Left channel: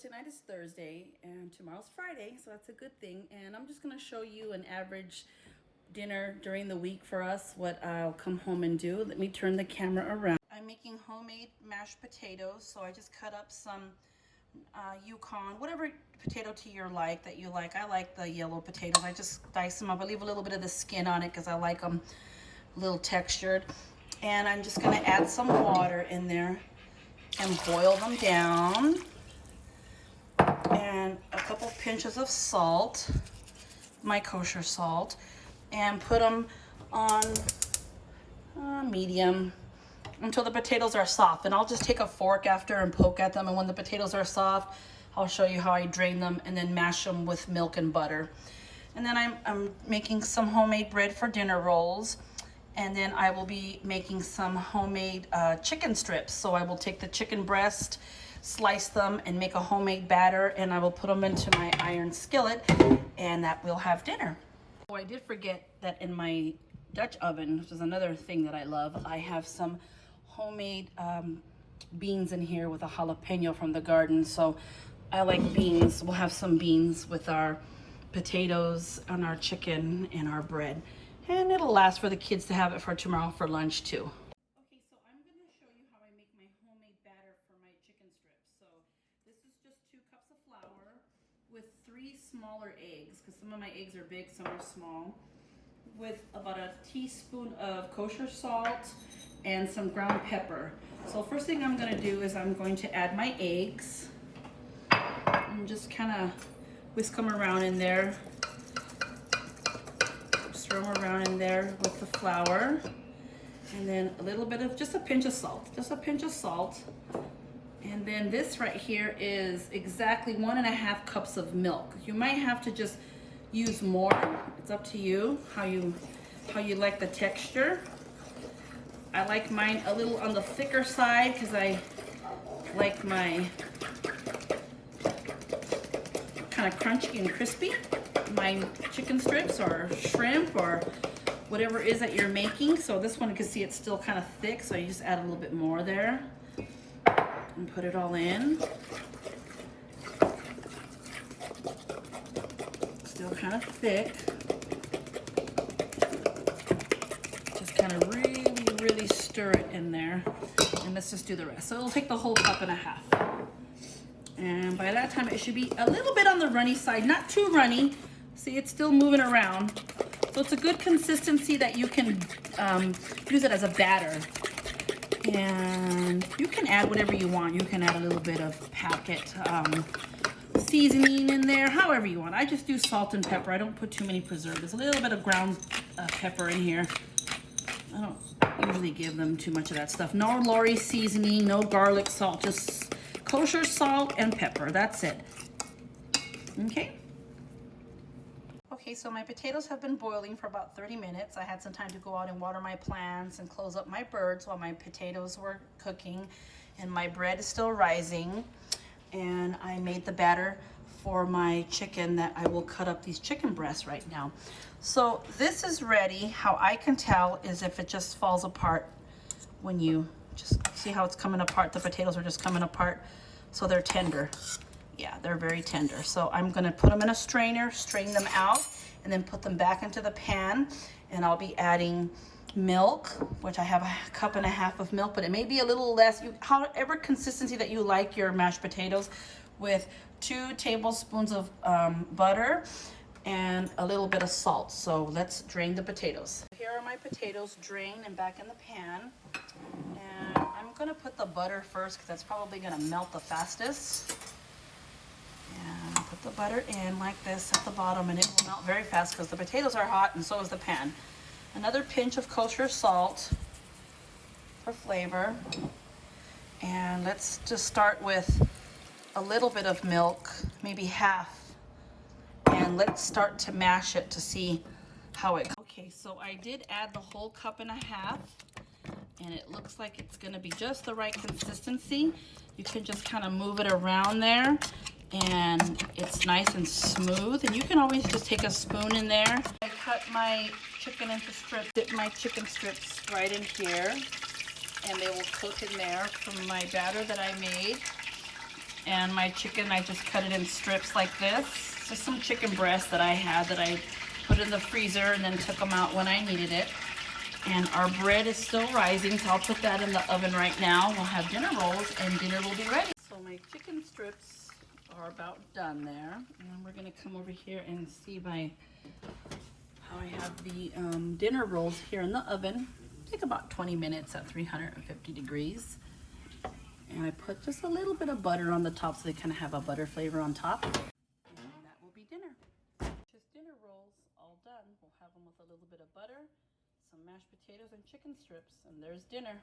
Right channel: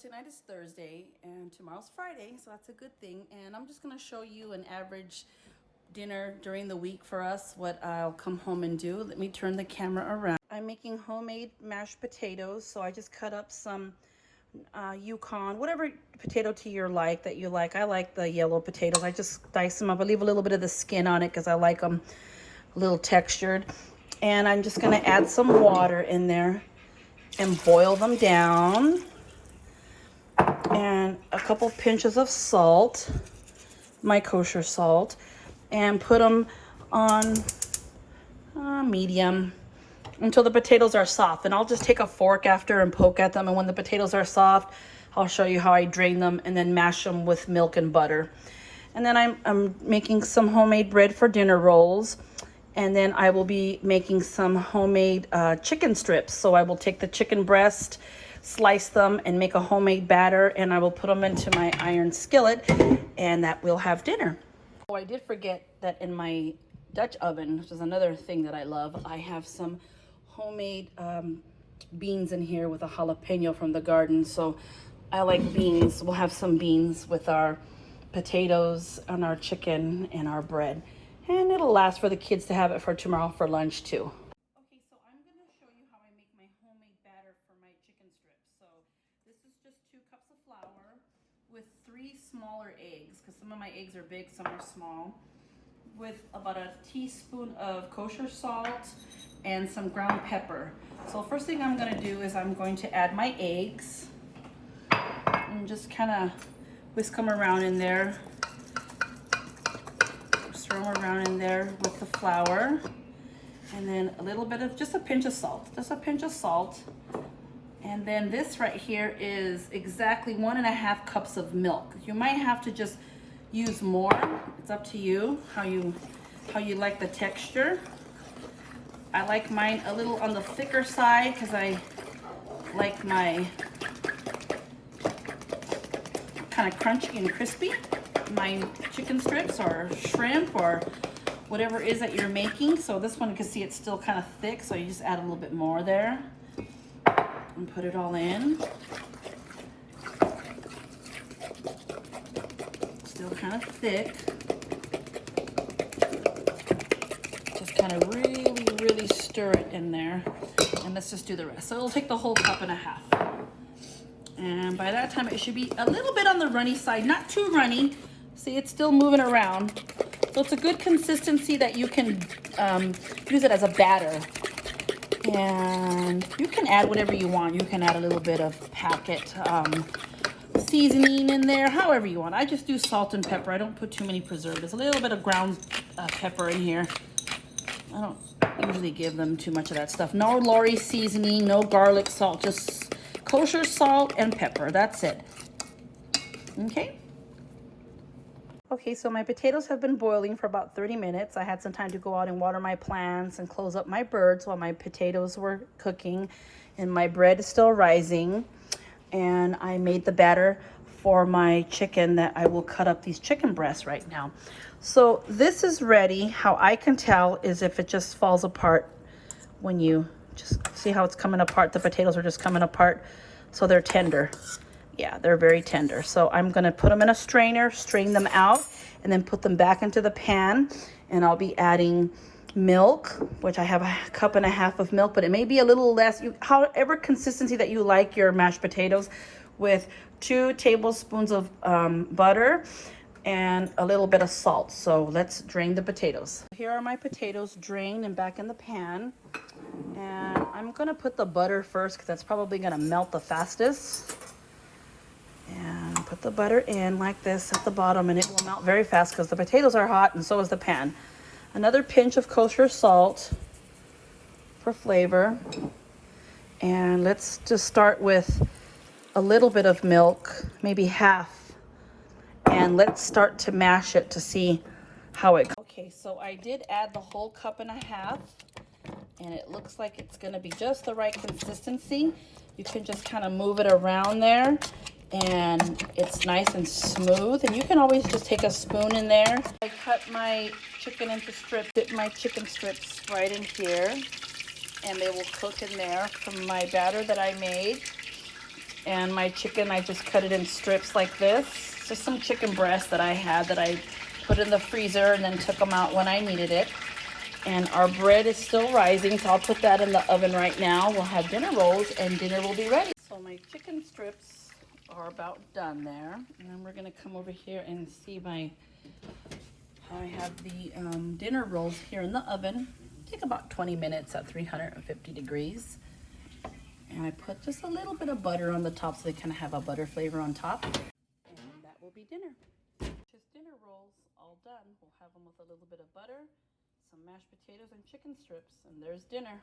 Tonight is Thursday and tomorrow's Friday, so that's a good thing. And I'm just gonna show you an average dinner during the week for us, what I'll come home and do. Let me turn the camera around. I'm making homemade mashed potatoes, so I just cut up some Yukon, whatever potato to your like that you like. I like the yellow potatoes. I just dice them up. I leave a little bit of the skin on it because I like them a little textured. And I'm just gonna add some water in there and boil them down. And a couple pinches of salt, my kosher salt, and put them on medium until the potatoes are soft. And I'll just take a fork after and poke at them, and when the potatoes are soft, I'll show you how I drain them and then mash them with milk and butter. And then I'm making some homemade bread for dinner rolls, and then I will be making some homemade chicken strips. So I will take the chicken breast, slice them, and make a homemade batter, and I will put them into my iron skillet, and that we'll have dinner. Oh, I did forget that in my Dutch oven, which is another thing that I love, I have some homemade beans in here with a jalapeno from the garden. So I like beans. We'll have some beans with our potatoes and our chicken and our bread, and it'll last for the kids to have it for tomorrow for lunch too. Okay, so I'm going to show you how I make my homemade batter for my chicken strips. So this is just 2 cups of flour with 3 smaller eggs, because some of my eggs are big, some are small, with about a teaspoon of kosher salt and some ground pepper. So first thing I'm going to do is I'm going to add my eggs and just kind of whisk them around in there. Stir them around in there with the flour. And then a little bit of, just a pinch of salt, And then this right here is exactly 1.5 cups of milk. You might have to just use more. It's up to you how you like the texture. I like mine a little on the thicker side because I like my kind of crunchy and crispy. My chicken strips or shrimp or whatever it is that you're making. So this one, you can see it's still kind of thick, so you just add a little bit more there and put it all in. Still kind of thick. Just kind of really stir it in there, and let's just do the rest. So it'll take the whole 1.5 cups. And by that time it should be a little bit on the runny side, not too runny. See, it's still moving around. So it's a good consistency that you can use it as a batter. And you can add whatever you want. You can add a little bit of packet seasoning in there, however you want. I just do salt and pepper. I don't put too many preservatives. A little bit of ground pepper in here. I don't usually give them too much of that stuff. No Lori seasoning, no garlic salt, just kosher salt and pepper. That's it. Okay. Okay, so my potatoes have been boiling for about 30 minutes. I had some time to go out and water my plants and close up my birds while my potatoes were cooking, and my bread is still rising. And I made the batter for my chicken that I will cut up these chicken breasts right now. So this is ready. How I can tell is if it just falls apart when you just see how it's coming apart. The potatoes are just coming apart, so they're tender. Yeah, they're very tender. So I'm gonna put them in a strainer, strain them out, and then put them back into the pan. And I'll be adding milk, which I have 1.5 cups of milk, but it may be a little less, however consistency that you like your mashed potatoes, with 2 tablespoons of butter and a little bit of salt. So let's drain the potatoes. Here are my potatoes drained and back in the pan. And I'm gonna put the butter first because that's probably gonna melt the fastest. And put the butter in like this at the bottom, and it will melt very fast because the potatoes are hot and so is the pan. Another pinch of kosher salt for flavor. And let's just start with a little bit of milk, maybe half. And let's start to mash it to see how it goes. Okay, so I did add the whole 1.5 cups, and it looks like it's gonna be just the right consistency. You can just kind of move it around there, and it's nice and smooth. And you can always just take a spoon in there. I cut my chicken into strips, dip my chicken strips right in here, and they will cook in there from my batter that I made. And my chicken, I just cut it in strips like this. Just some chicken breast that I had that I put in the freezer and then took them out when I needed it. And our bread is still rising, so I'll put that in the oven right now. We'll have dinner rolls and dinner will be ready. So my chicken strips are about done there. And then we're gonna come over here and see how I have the dinner rolls here in the oven. Take about 20 minutes at 350 degrees. And I put just a little bit of butter on the top so they kind of have a butter flavor on top. And that will be dinner. Just dinner rolls all done. We'll have them with a little bit of butter, some mashed potatoes and chicken strips, and there's dinner.